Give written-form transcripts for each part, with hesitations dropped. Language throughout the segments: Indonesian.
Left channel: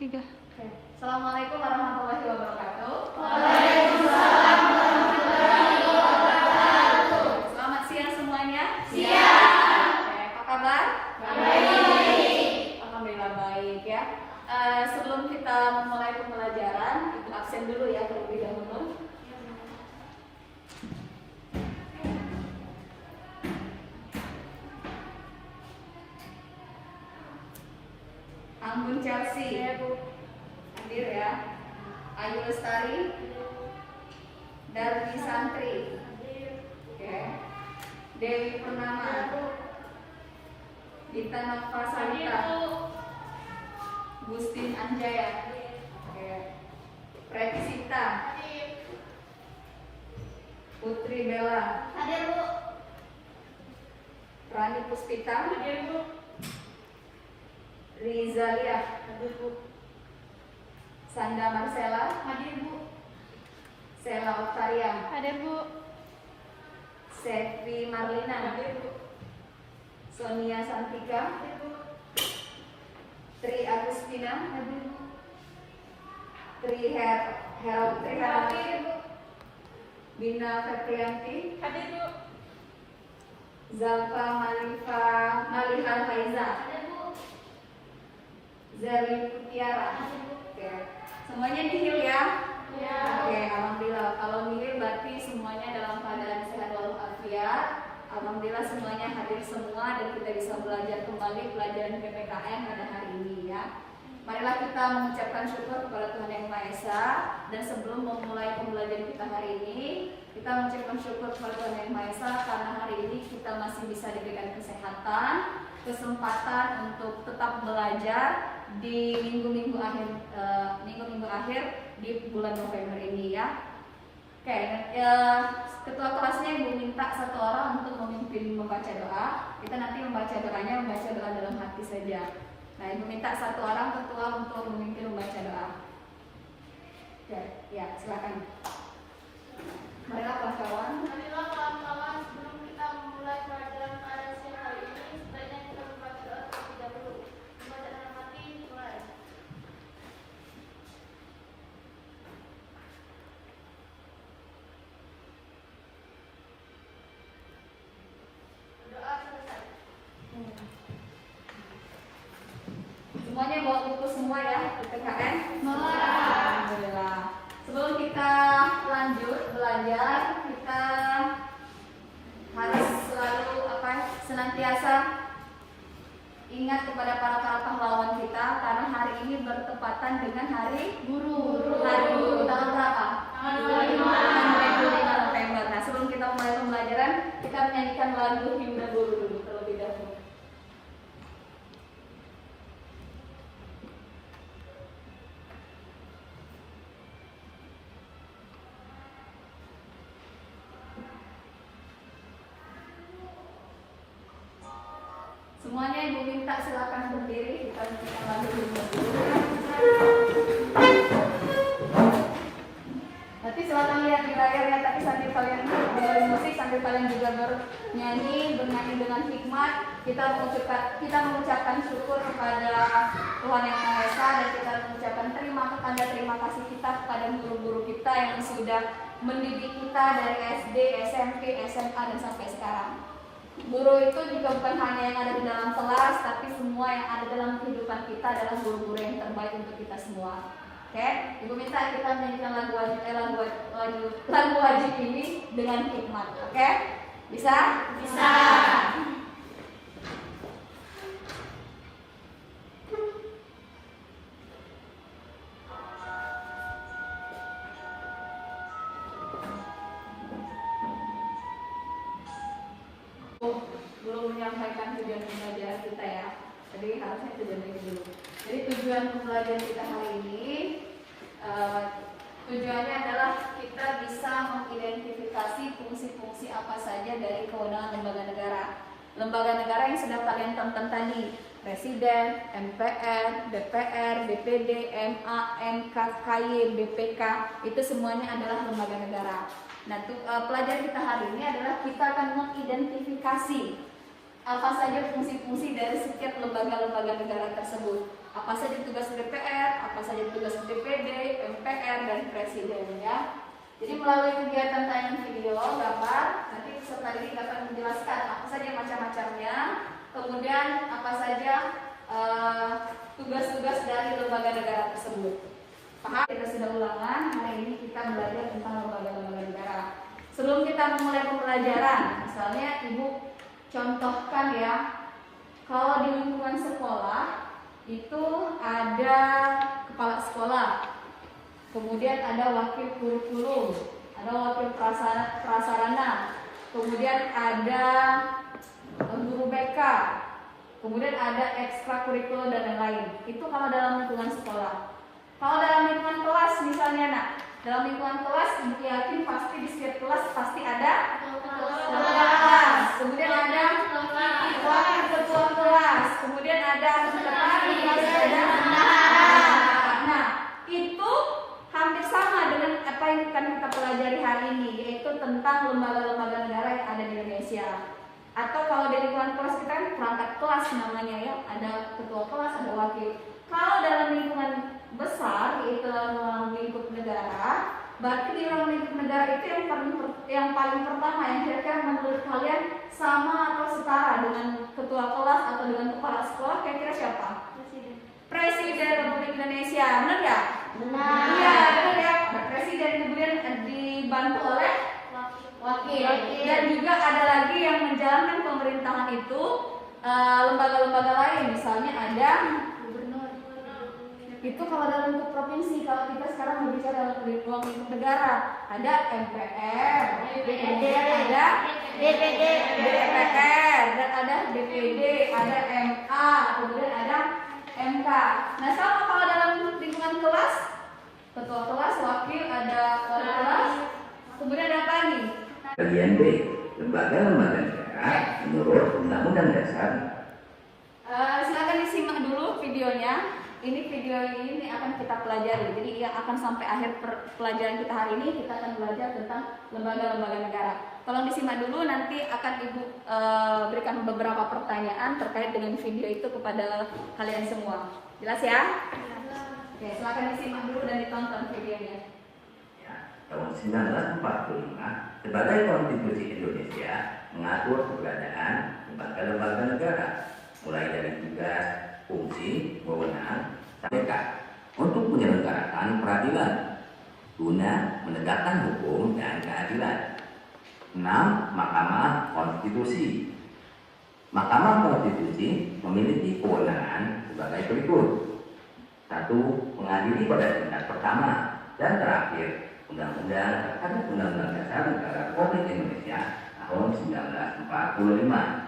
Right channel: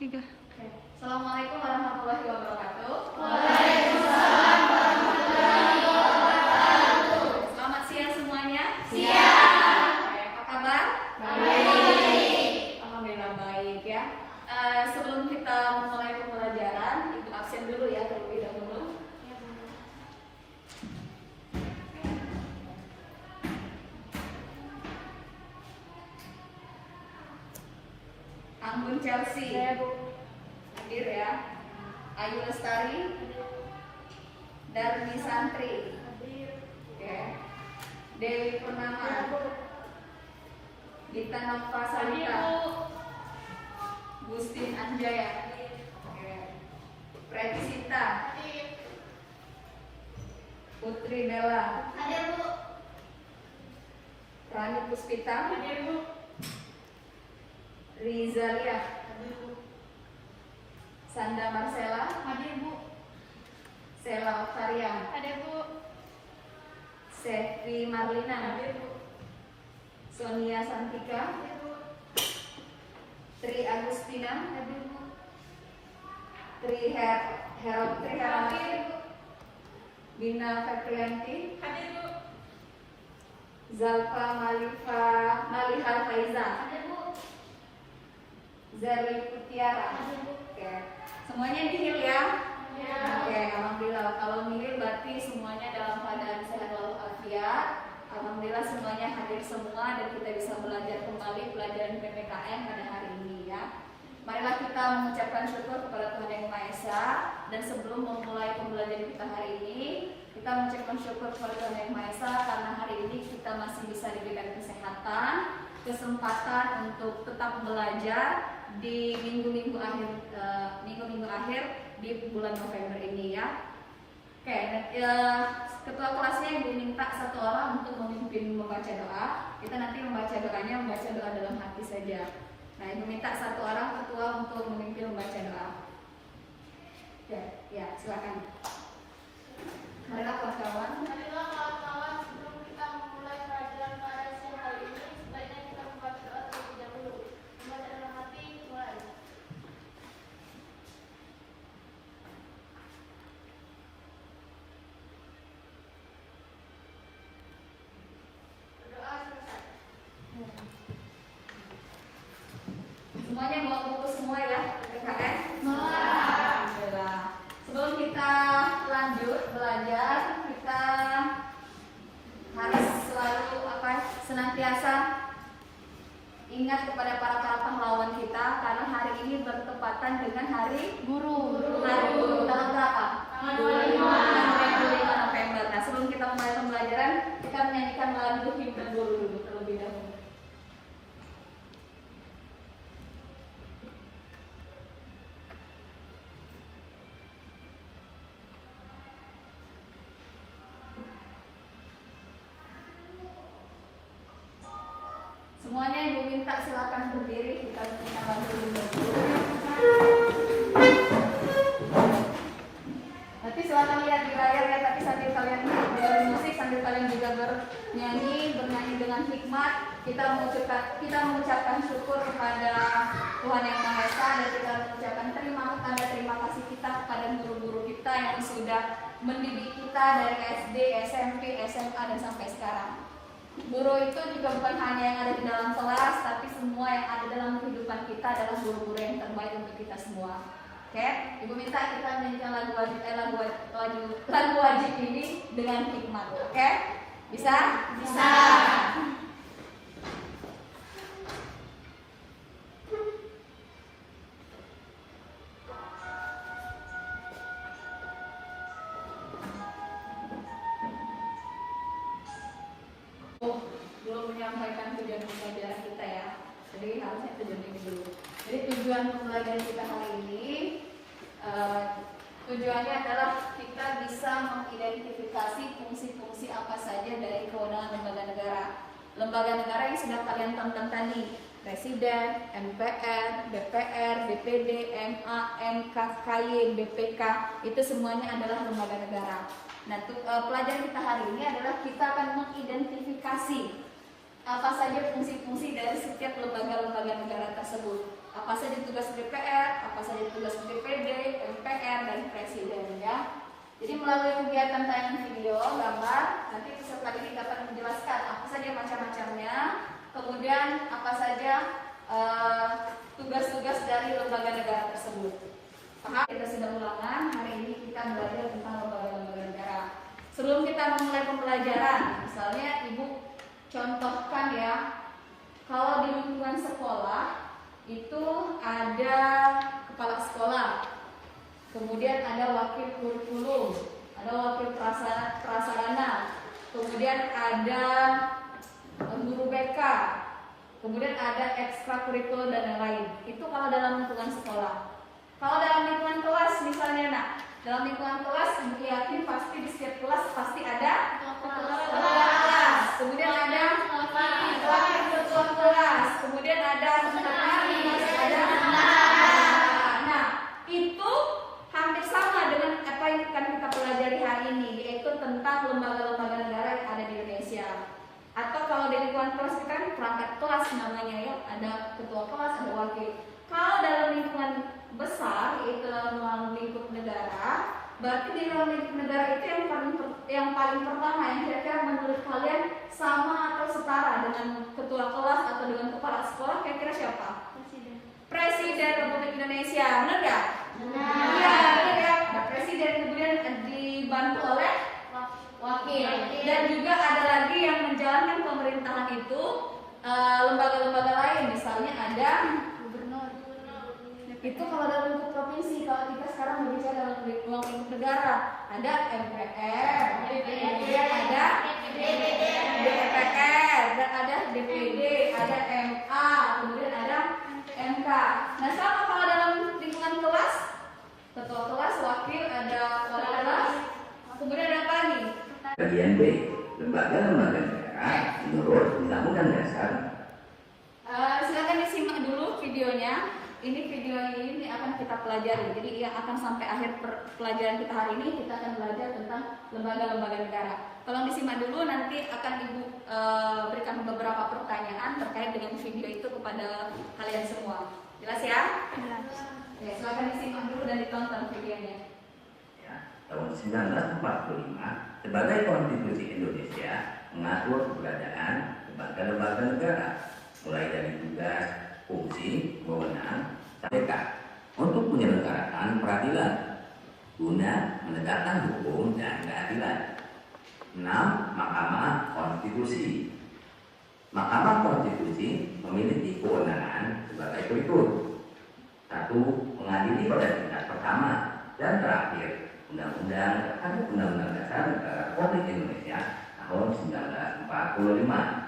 Tiga. Assalamualaikum warahmatullahi wabarakatuh. Waalaikumsalam warahmatullahi wabarakatuh. Selamat siang semuanya. Siang. Apa kabar? Baik. Alhamdulillah baik ya. Sebelum kita memulai pembelajaran, ikut absen dulu ya terlebih dahulu. Anggun Chelsea. Hadir ya. Ayu Lestari. Darmi Santri. Oke. Dewi Purnama. Dita Nova Salita. Gustin Anjaya. Oke. Preti Sita. Putri Bella. Hadir, Bu. Rani Puspita. Hadir, Bu. Rizalia. Hadir, Bu. Sanda Marcela. Hadir, Bu. Sela Octaria. Hadir, Bu. Sevi Marlina. Hadir, Bu. Sonia Santika. Hadir, Bu. Tri Agustina. Hadir, Bu. Tri Herawati. Hadir, Bu. Bina Fetrianti. Hadir, Bu. Zalfa Maliha Faiza. Hadir, Bu. Zari Putiara. Hadir, Bu. Oke. Semuanya nihil ya? Ya. Oke, alhamdulillah. Kalau nihil berarti semuanya dalam keadaan sehat walafiat. Alhamdulillah semuanya hadir semua dan kita bisa belajar kembali pelajaran PPKN pada hari ini ya. Marilah kita mengucapkan syukur kepada Tuhan Yang Maha Esa. Dan sebelum memulai pembelajaran kita hari ini, kita mengucapkan syukur kepada Tuhan Yang Maha Esa karena hari ini kita masih bisa diberikan kesehatan, kesempatan untuk tetap belajar di minggu-minggu akhir di bulan November ini ya. Oke, ketua kelasnya Ibu minta satu orang untuk memimpin membaca doa. Kita nanti membaca doa dalam hati saja. Nah, Ibu minta satu orang ketua untuk memimpin membaca doa. Ya, silakan. Mereka kawan-kawan. Marilah kawan-kawan, sebelum kita memulai pelajaran pada siang hari ini, sebaiknya kita membaca doa terlebih dahulu. Membaca dalam hati, mulai. Doa selesai. Semuanya bawa buku semua ya, PPKN. Alhamdulillah. Sebelum kita lanjut belajar, kita harus selalu senantiasa ingat kepada para pahlawan kita karena hari ini bertepatan dengan Hari Guru. Hari Guru tanggal berapa? Tanggal 25 November. Nah, sebelum kita mulai pembelajaran, kita menyanyikan lagu Himne Guru dulu terlebih dahulu. Semuanya Ibu minta silakan berdiri, kita nyanyikan lagu Himne Guru. Nanti silakan lihat di layar ya, tapi sambil kalian dengerin musik, sambil kalian juga bernyanyi dengan hikmat, kita mengucapkan syukur kepada Tuhan Yang Maha Esa dan kita mengucapkan terima kasih kita kepada guru-guru kita yang sudah mendidik kita dari SD, SMP, SMA dan sampai sekarang. Guru itu juga bukan hanya yang ada di dalam kelas, tapi semua yang ada dalam kehidupan kita adalah guru-guru yang terbaik untuk kita semua. Oke, Ibu minta kita menyanyikan lagu wajib ini dengan hikmat. Oke, bisa? Bisa. Dulu menyampaikan tujuan pembelajaran kita ya. Jadi harusnya tujuan ini dulu. Jadi tujuan pembelajaran kita hari ini tujuannya adalah kita bisa mengidentifikasi fungsi-fungsi apa saja dari kewenangan lembaga negara. Lembaga negara yang sudah kalian tonton tadi, Presiden, MPR, DPR, DPD, MA, MK, KY, BPK, itu semuanya adalah lembaga negara. Nah, pelajaran kita hari ini adalah kita akan mengidentifikasi apa saja fungsi-fungsi dari setiap lembaga-lembaga negara tersebut. Apa saja tugas DPR, apa DPR dan Presiden ya. Jadi melalui kegiatan tayangan video, gambar, nanti peserta didik akan menjelaskan apa saja macam-macamnya, kemudian apa saja tugas-tugas dari lembaga negara tersebut. Paham? Kita sudah ulangan, hari ini kita belajar tentang lembaga-lembaga negara. Sebelum kita memulai pembelajaran, misalnya Ibu contohkan ya, kalau di lingkungan sekolah itu ada kepala sekolah, kemudian ada wakil kurikulum, ada wakil prasarana, kemudian ada guru BK, kemudian ada ekstrakurikuler dan lain-lain. Itu kalau dalam lingkungan sekolah. Kalau dalam lingkungan kelas misalnya, nak, dalam lingkungan kelas, Ibu yakin pasti di setiap kelas pasti ada ketua kelas, kemudian ada wakil ketua kelas, kemudian ada sekretaris, ada. Nah, itu hampir sama dengan apa yang akan kita pelajari hari ini, yaitu tentang lembaga-lembaga negara yang ada di Indonesia. Atau kalau di lingkungan kelas kita kan perangkat kelas namanya ya, ada ketua kelas, ada wakil. Kalau dalam lingkungan besar, yaitu dalam lingkup negara, berarti di dalam lingkup negara itu yang paling pertama yang kira-kira menurut kalian sama atau setara dengan ketua kelas atau dengan kepala sekolah, kira-kira siapa? Presiden Republik Indonesia, benar nggak? Benar. Iya, benar ya. Ada presiden, kemudian dibantu oleh wakil. Dan juga ada lagi yang menjalankan pemerintahan itu lembaga-lembaga lain, misalnya ada gubernur. Itu kalau dalam lingkup provinsi. Kalau kita sekarang berbicara dalam lingkup negara, ada MPR, kemudian ada DPR, dan ada DPD, ada MA, kemudian ada MK. Nah, sama kalau dalam lingkungan kelas, ketua kelas, wakil, ada wali kelas, kemudian ada apa nih? Bagian B, lembaga-lembaga negara menurut Undang-Undang Dasar. Silakan disimak dulu videonya. Ini video ini akan kita pelajari. Jadi yang akan sampai akhir pelajaran kita hari ini, kita akan belajar tentang lembaga-lembaga negara. Tolong disimak dulu, nanti akan Ibu berikan beberapa pertanyaan terkait dengan video itu kepada kalian semua. Jelas ya? Ya, silakan disimak dulu dan ditonton videonya. Ya, tahun 1945, sebagai Konstitusi Indonesia mengatur keberadaan lembaga-lembaga negara, mulai dari tugas, fungsi, wewenang, mereka untuk menyelenggarakan peradilan guna menegakkan hukum dan keadilan. 6. Mahkamah Konstitusi. Mahkamah Konstitusi memiliki kewenangan sebagai berikut. 1. Mengadili pada tingkat pertama dan terakhir Undang-Undang terhadap Undang-Undang Dasar Negara Republik Indonesia tahun 1945.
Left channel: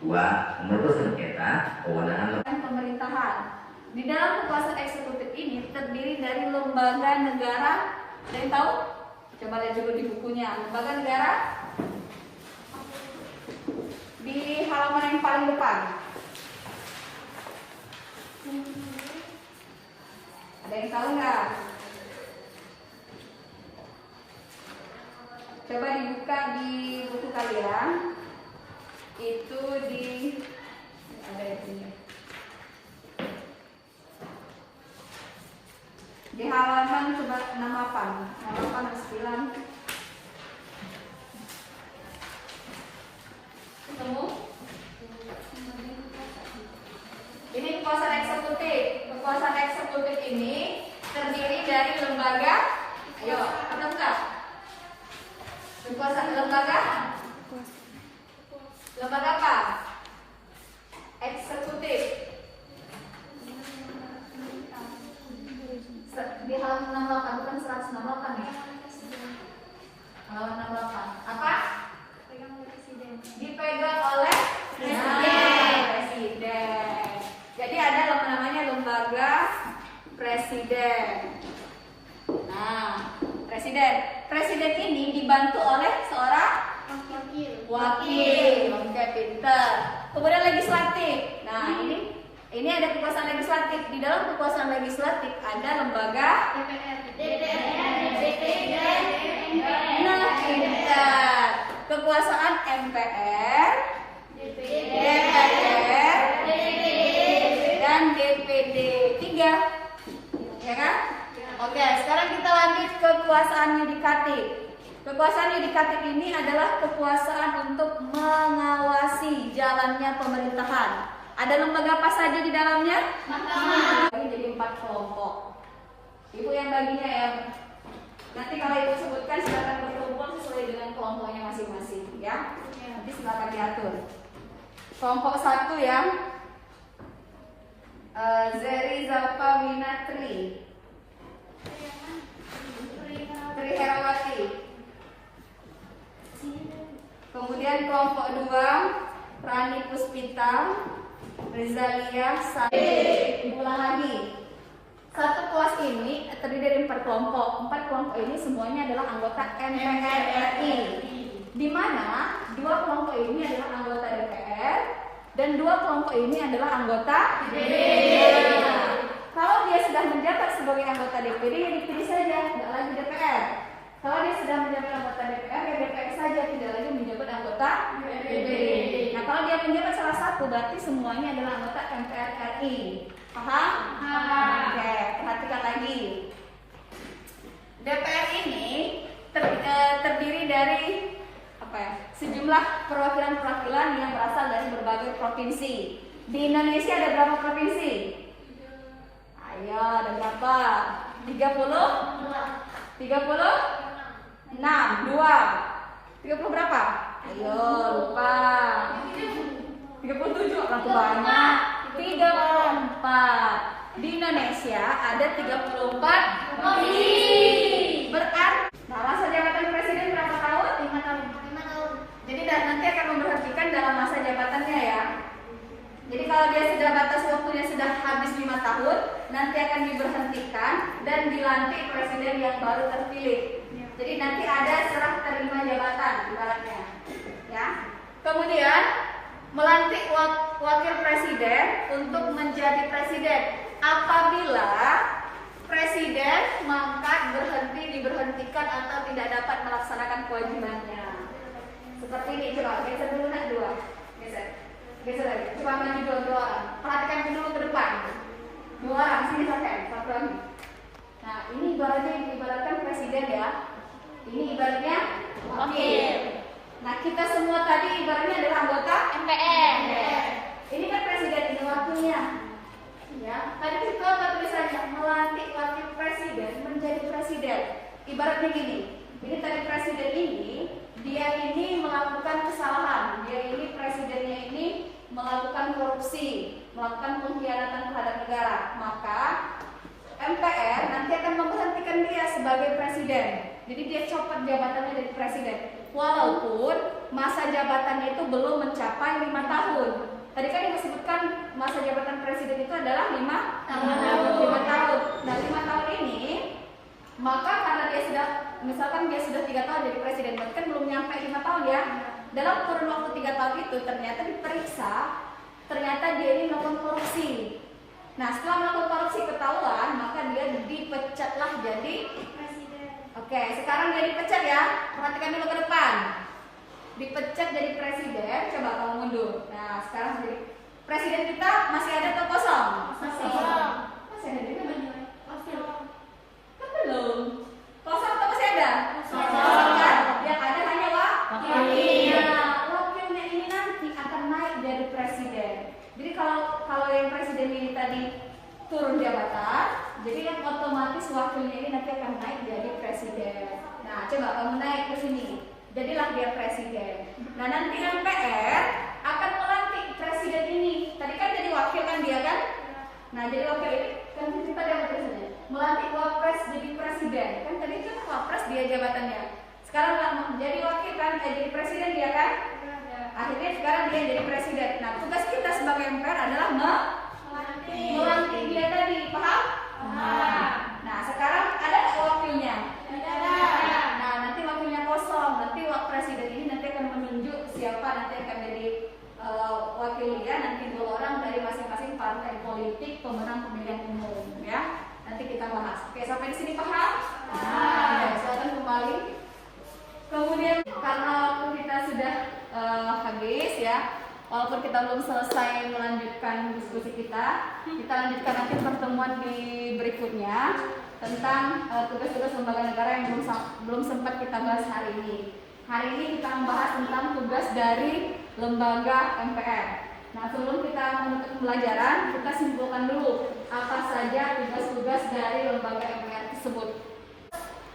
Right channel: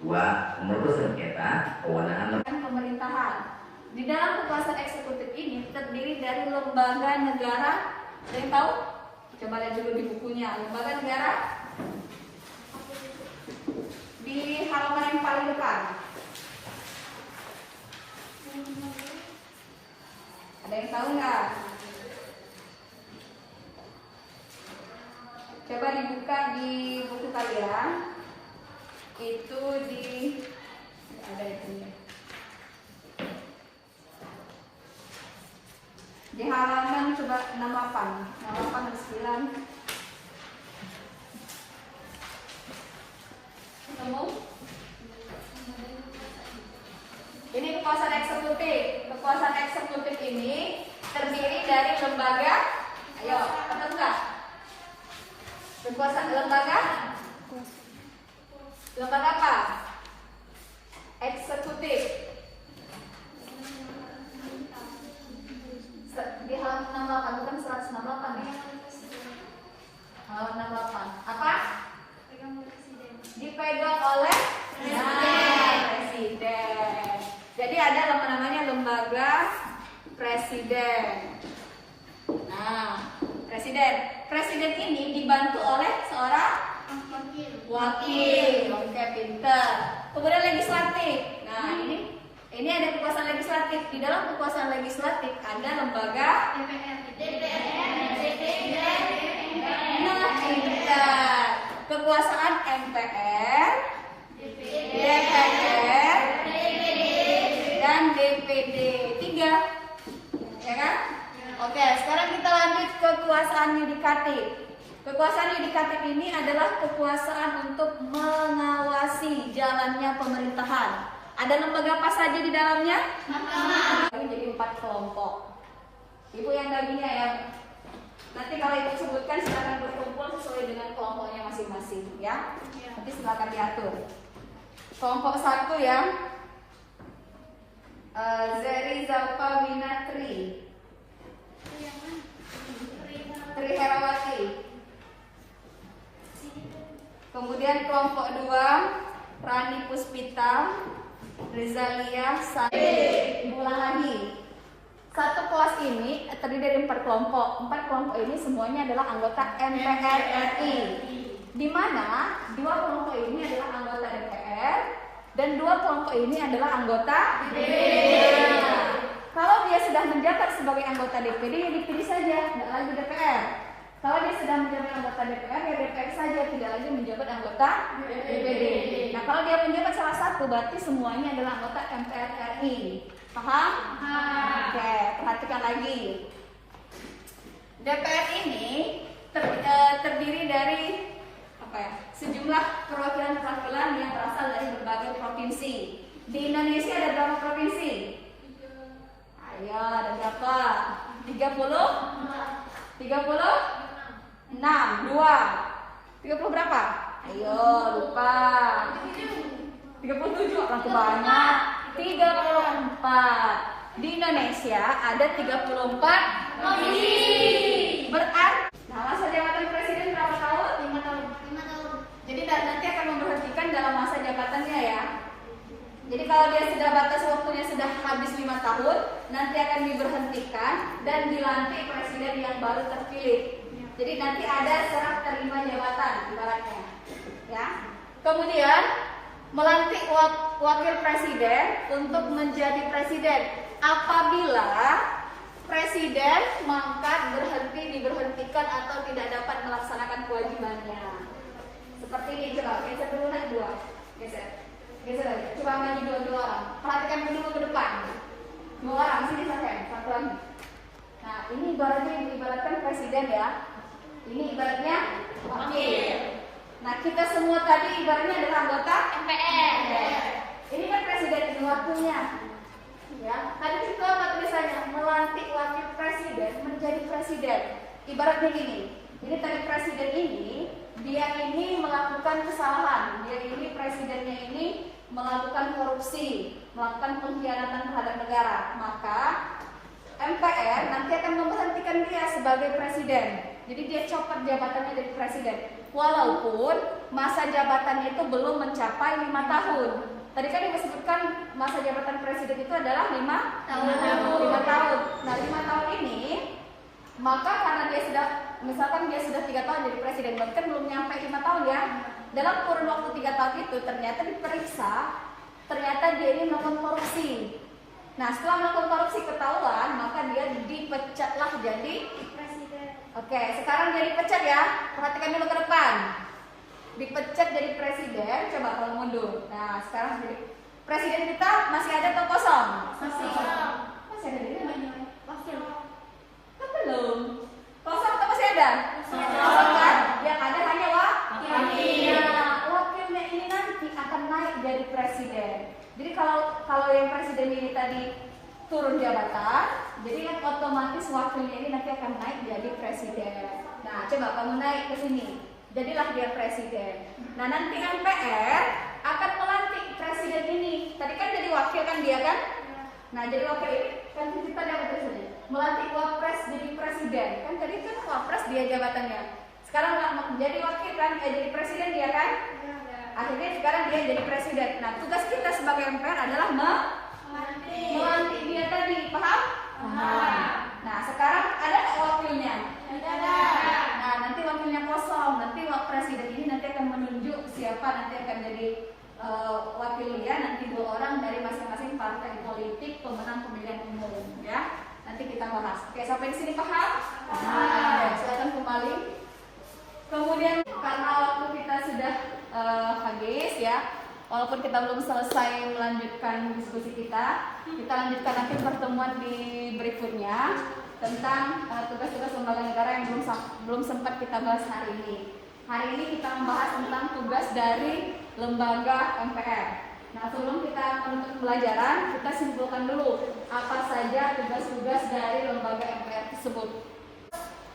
2. Memutus sengketa kewenangan pemerintahan. Di dalam kekuasaan eksekutif ini terdiri dari lembaga negara. Ada yang tahu? Coba lihat dulu di bukunya. Lembaga negara di halaman yang paling depan. Ada yang tahu nggak? Coba dibuka di buku kalian. Itu ada itunya. Di halaman coba 68 ada 9. Ketemu? Ini kekuasaan eksekutif. Kekuasaan eksekutif ini terdiri dari lembaga. Ayo, ketemu nggak? Kekuasaan lembaga. Lembaga apa? Eksekutif. Di halaman 68, bukan 168 ya? Halaman 68. Apa? Dipegang oleh presiden. Jadi ada namanya lembaga presiden. Nah, presiden ini dibantu oleh seorang wakil. Oke, pinter. Kemudian legislatif. Nah, ini ada kekuasaan legislatif. Di dalam kekuasaan legislatif ada lembaga pinter. Kekuasaan MPR, DPR, dan DPD. 3, ya kan? Oke, sekarang kita lanjut ke kekuasaan yudikatif. Kekuasaan yudikatif ini adalah kekuasaan untuk mengawasi jalannya pemerintahan. Ada lembaga apa saja di dalamnya? Ini jadi 4 kelompok. Ibu yang baginya ya. Nanti kalau ibu sebutkan silakan berkumpul sesuai dengan kelompoknya masing-masing ya. Nanti silakan diatur. Kelompok 1 ya. Zeri Zalfa Winatri Tri Herawati. Kemudian kelompok 2 Rani Puspita Rizalia Sari. Ulang lagi. Satu kelas ini terdiri dari 4 kelompok. 4 kelompok ini semuanya adalah anggota MPR RI. Di mana 2 kelompok ini adalah anggota DPR dan 2 kelompok ini adalah anggota DPD. Kalau dia sudah menjabat sebagai anggota DPD, ya dipilih saja, tidak lagi DPR. Kalau dia sudah menjabat anggota DPR, ya DPR saja, tidak lagi menjabat anggota DPD. Nah, kalau dia menjabat salah satu, berarti semuanya adalah anggota MPR RI. Paham? Oke, perhatikan lagi. DPR ini terdiri dari sejumlah perwakilan-perwakilan yang berasal dari berbagai provinsi. Di Indonesia ada berapa provinsi? Ayo, ada berapa? 30? 36, 2. 30 berapa? Ayo, lupa. 37, orang banyak. 34. Di Indonesia ada 34 provinsi. Berarti masa jabatan presiden berapa tahun? 5 tahun. Jadi nanti akan memberhentikan dalam masa jabatannya ya. Jadi kalau dia sudah batas waktunya sudah habis 5 tahun, nanti akan diberhentikan dan dilantik presiden yang baru terpilih. Jadi nanti ada serah terima jabatan ibaratnya. Ya. Kemudian melantik wakil presiden untuk menjadi presiden apabila presiden mangkat, berhenti, diberhentikan atau tidak dapat melaksanakan kewajibannya. Seperti ini, coba geser dulu nak 2. Geser lagi. Coba maju 2 orang. Perhatikan dulu ke depan. 2 orang sini saja, 1 lagi. Nah, ini ibaratkan presiden ya. Ini ibaratnya wakil. Nah, kita semua tadi ibaratnya adalah anggota MPR. Ini kan presiden, ini wakilnya. Ya, tadi kita tulisannya melantik wakil presiden menjadi presiden. Ibaratnya gini. Jadi tadi presiden ini dia ini melakukan kesalahan. Dia ini presidennya ini melakukan korupsi, melakukan pengkhianatan terhadap negara. Maka MPR nanti akan memberhentikan dia sebagai presiden. Jadi dia copot jabatannya dari presiden. Walaupun masa jabatannya itu belum mencapai 5 tahun. Tadi kan Ibu sebutkan masa jabatan presiden itu adalah 5 tahun. Nah, 5 tahun ini, maka karena dia sudah, misalkan dia sudah 3 tahun jadi presiden, berarti kan belum nyampe 5 tahun ya. Dalam kurun waktu 3 tahun itu ternyata diperiksa, ternyata dia ini melakukan korupsi. Nah, setelah melakukan korupsi ketahuan, maka dia dipecatlah jadi presiden. Oke, sekarang dia dipecat ya. Perhatikan dulu ke depan. Dipecat jadi presiden, coba kamu mundur. Nah, sekarang jadi presiden kita masih ada atau kosong? Masih ada di mana? Kan belum. Kosong atau masih ada? Kosong kan? Yang ada hanya wakilnya. Wakilnya ini nanti akan naik jadi presiden. Jadi kalau yang presiden ini tadi turun jabatan, jadi kan otomatis wakilnya ini nanti akan naik jadi presiden. Nah, coba kamu naik ke sini. Jadilah dia presiden. Nah, nanti MPR akan melantik presiden ini. Tadi kan jadi wakil kan dia kan? Nah, jadi wakil ini kan kita dia presiden. Melantik wapres jadi presiden. Kan tadi kan wapres dia jabatannya. Sekarang jadi wakil kan, jadi presiden dia kan? Akhirnya sekarang dia jadi presiden. Nah, tugas kita sebagai MPR adalah melantik dia tadi, paham? Nah, sekarang ada nggak wakilnya? Ada. Nah, nanti wakilnya kosong. Nanti presiden ini nanti akan menunjuk siapa nanti akan jadi wakil dia. Nanti 2 orang dari masing-masing partai politik pemenang pemilihan umum, ya. Nanti kita bahas. Oke, sampai di sini paham? Silakan kembali. Kemudian karena waktu kita sudah habis ya, walaupun kita belum selesai melanjutkan diskusi kita lanjutkan nanti pertemuan di berikutnya. tentang tugas-tugas lembaga negara yang belum sempat kita bahas hari ini. Hari ini kita membahas tentang tugas dari lembaga MPR. Nah, sebelum kita menutup pembelajaran, kita simpulkan dulu apa saja tugas-tugas dari lembaga MPR tersebut.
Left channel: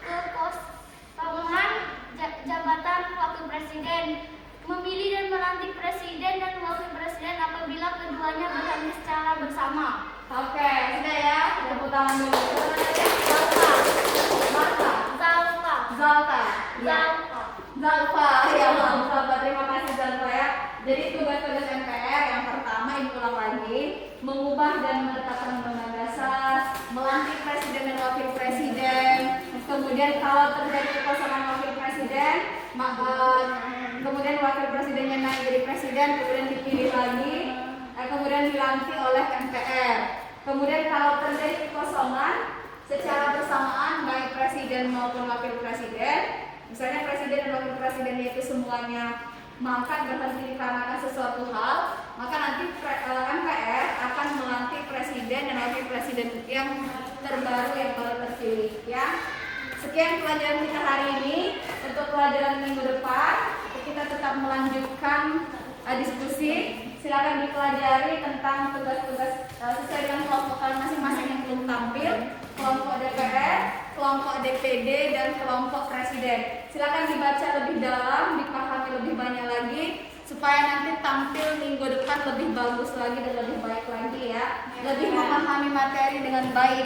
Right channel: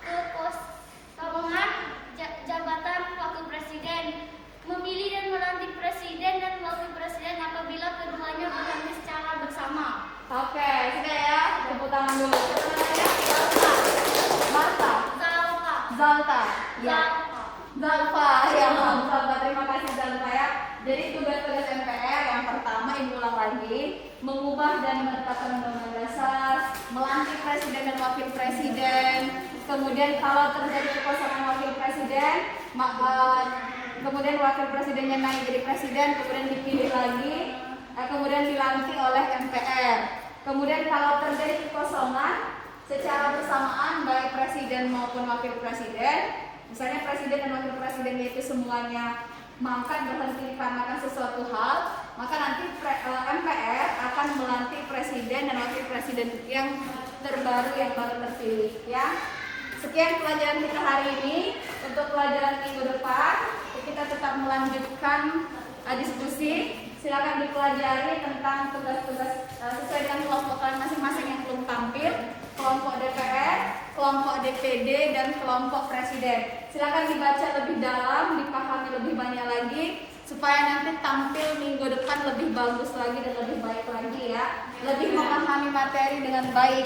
Kekosongan jabatan wakil presiden, memilih dan melantik presiden dan wakil presiden apabila keduanya berhadir secara bersama. Oke, sudah ya, tepuk tangan dulu. Zalfa. Zalfa. Ya. Zalfa, ya Zalfa. Terima kasih Zalfa ya. Jadi tugas-tugas MPR yang pertama ini ulang lagi, mengubah dan menetapkan undang-undang dasar, melantik presiden dan wakil presiden. Kemudian kalau terjadi kekosongan wakil presiden, maka kemudian wakil presidennya naik jadi presiden, kemudian dipilih lagi, kemudian dilantik oleh MPR. Kemudian kalau terjadi kekosongan secara bersamaan baik presiden maupun wakil presiden, misalnya presiden dan wakil presiden itu semuanya mangkat berhenti dikarenakan sesuatu hal, maka nanti MPR akan melantik presiden dan wakil presiden yang terbaru yang baru terpilih ya. Sekian pelajaran kita hari ini. Untuk pelajaran minggu depan kita tetap melanjutkan diskusi. Silakan dipelajari tentang tugas-tugas sesuai dengan kelompok kalian masing-masing yang belum tampil, kelompok DPR, kelompok DPD, dan kelompok presiden. Silakan dibaca lebih dalam, dipahami lebih banyak lagi, supaya nanti tampil minggu depan lebih bagus lagi dan lebih baik lagi ya, lebih memahami materi dengan baik.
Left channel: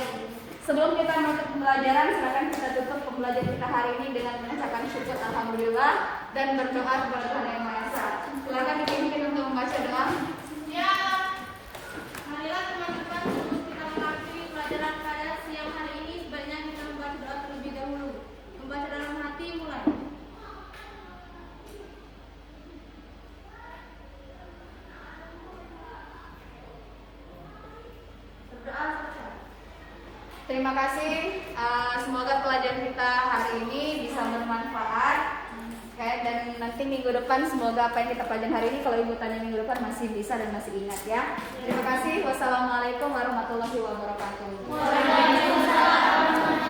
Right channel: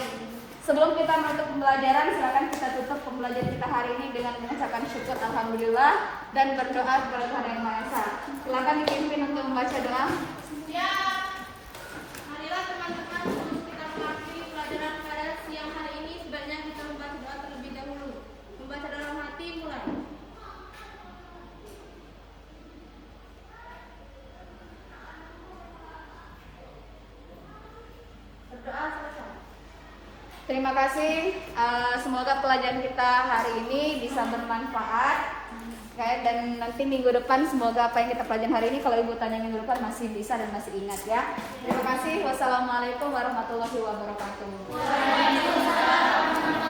Sebelum kita menutup pembelajaran, silakan kita tutup pembelajaran kita hari ini dengan mengucapkan syukur alhamdulillah dan berdoa kepada Tuhan Yang Maha Esa. Silakan dipimpin untuk membaca doa. Ya, marilah teman-teman sebelum kita mengakhiri pelajaran pada siang hari ini, sebaiknya kita membaca doa terlebih dahulu. Membaca dalam hati mulai. Berdoa selesai. Terima kasih. Semoga pelajaran kita hari ini bisa bermanfaat. Dan nanti minggu depan semoga apa yang kita pelajari hari ini, kalau ibu tanya minggu depan masih bisa dan masih ingat ya. Terima kasih. Wassalamualaikum warahmatullahi wabarakatuh.